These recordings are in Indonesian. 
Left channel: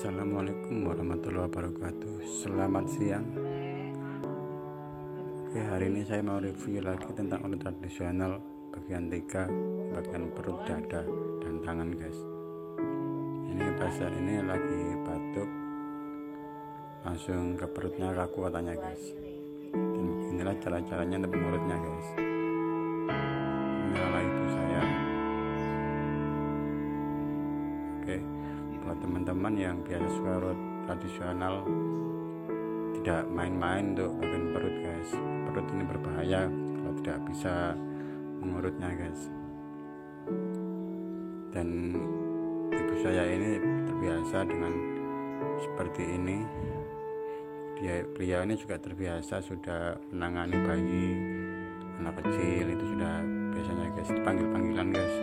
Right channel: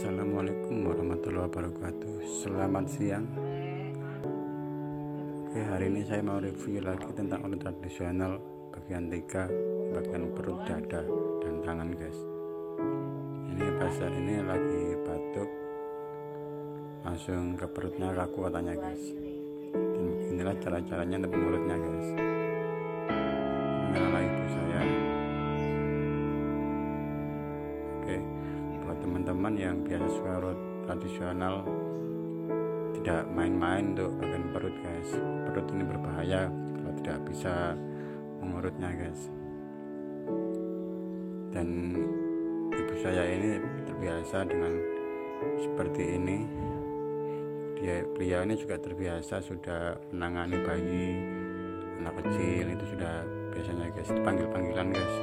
Assalamualaikum warahmatullahi wabarakatuh. Selamat siang. Oke, hari ini saya mau review lagi tentang urut tradisional bagian 3, bagian perut, dada, dan tangan, guys. Ini pasien ini lagi batuk, langsung ke perutnya kaku katanya, guys. Dan beginilah cara-caranya untuk mengurutnya, guys. Inilah ibu saya. Oke, buat teman-teman yang biasa suka urut tradisional, tidak main-main untuk bagian perut, guys. Perut ini berbahaya kalau tidak bisa mengurutnya, guys. Dan ibu saya ini terbiasa dengan seperti ini. Beliau ini juga terbiasa sudah menangani bayi, anak kecil, itu sudah biasanya, guys, dipanggil-panggilan, guys,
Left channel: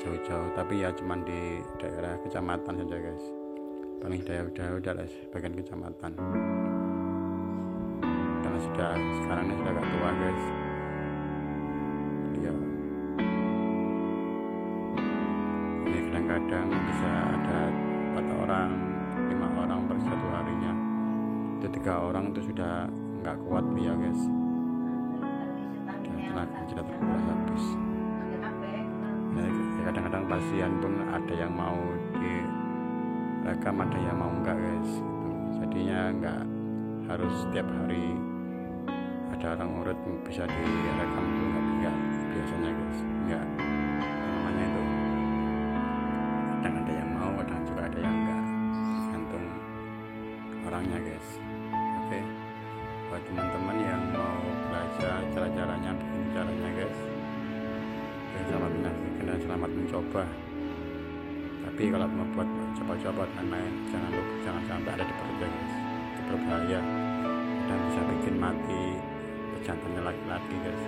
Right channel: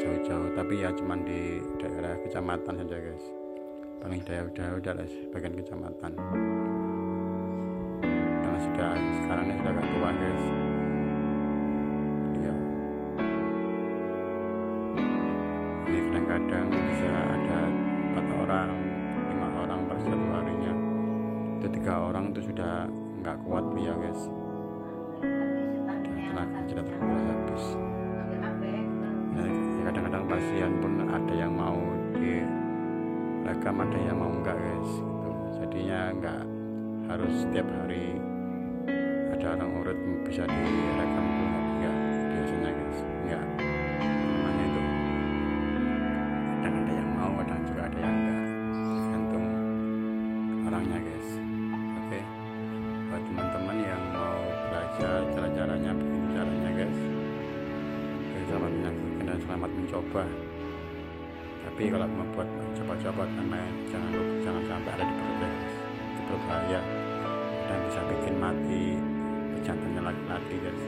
jauh-jauh, tapi ya cuman di daerah kecamatan saja, guys, paling jauh-jauh dari bagian kecamatan, karena sekarang ini sudah agak tua, guys. Ya, ini kadang-kadang bisa ada 4 orang 5 orang per satu harinya. Itu 3 orang itu sudah nggak kuat ya, guys, tenaga sudah terkuras habis. Nah, kadang-kadang pasien pun ada yang mau direkam, ada yang mau enggak, guys, gitu. Jadinya enggak harus setiap hari ada orang urut bisa direkam, itu enggak biasanya, guys, enggak, namanya itu kadang ada yang mau, kadang juga ada yang enggak, tergantung orangnya, guys. Oke, buat teman-teman yang mau belajar cara-caranya, begini caranya, guys, selamat menyaksikan dan selamat mencoba. Tapi kalau mau buat coba-coba main, jangan sampai ada di perutnya, guys, itu berbahaya dan bisa bikin mati pejantannya laki-laki, guys.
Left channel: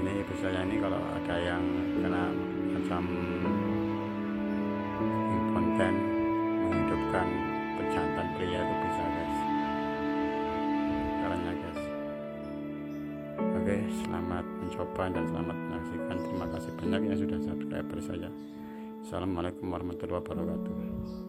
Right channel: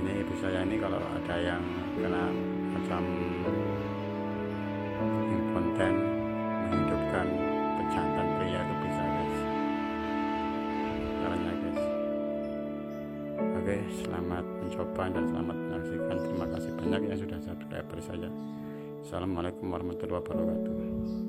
Ini ibu saya ini kalau ada yang kena macam impoten, menghidupkan pejantan pria itu bisa, guys, caranya, guys. Oke, selamat mencoba dan selamat menyaksikan. Terima kasih banyak yang sudah subscriber saya. Assalamualaikum warahmatullahi wabarakatuh.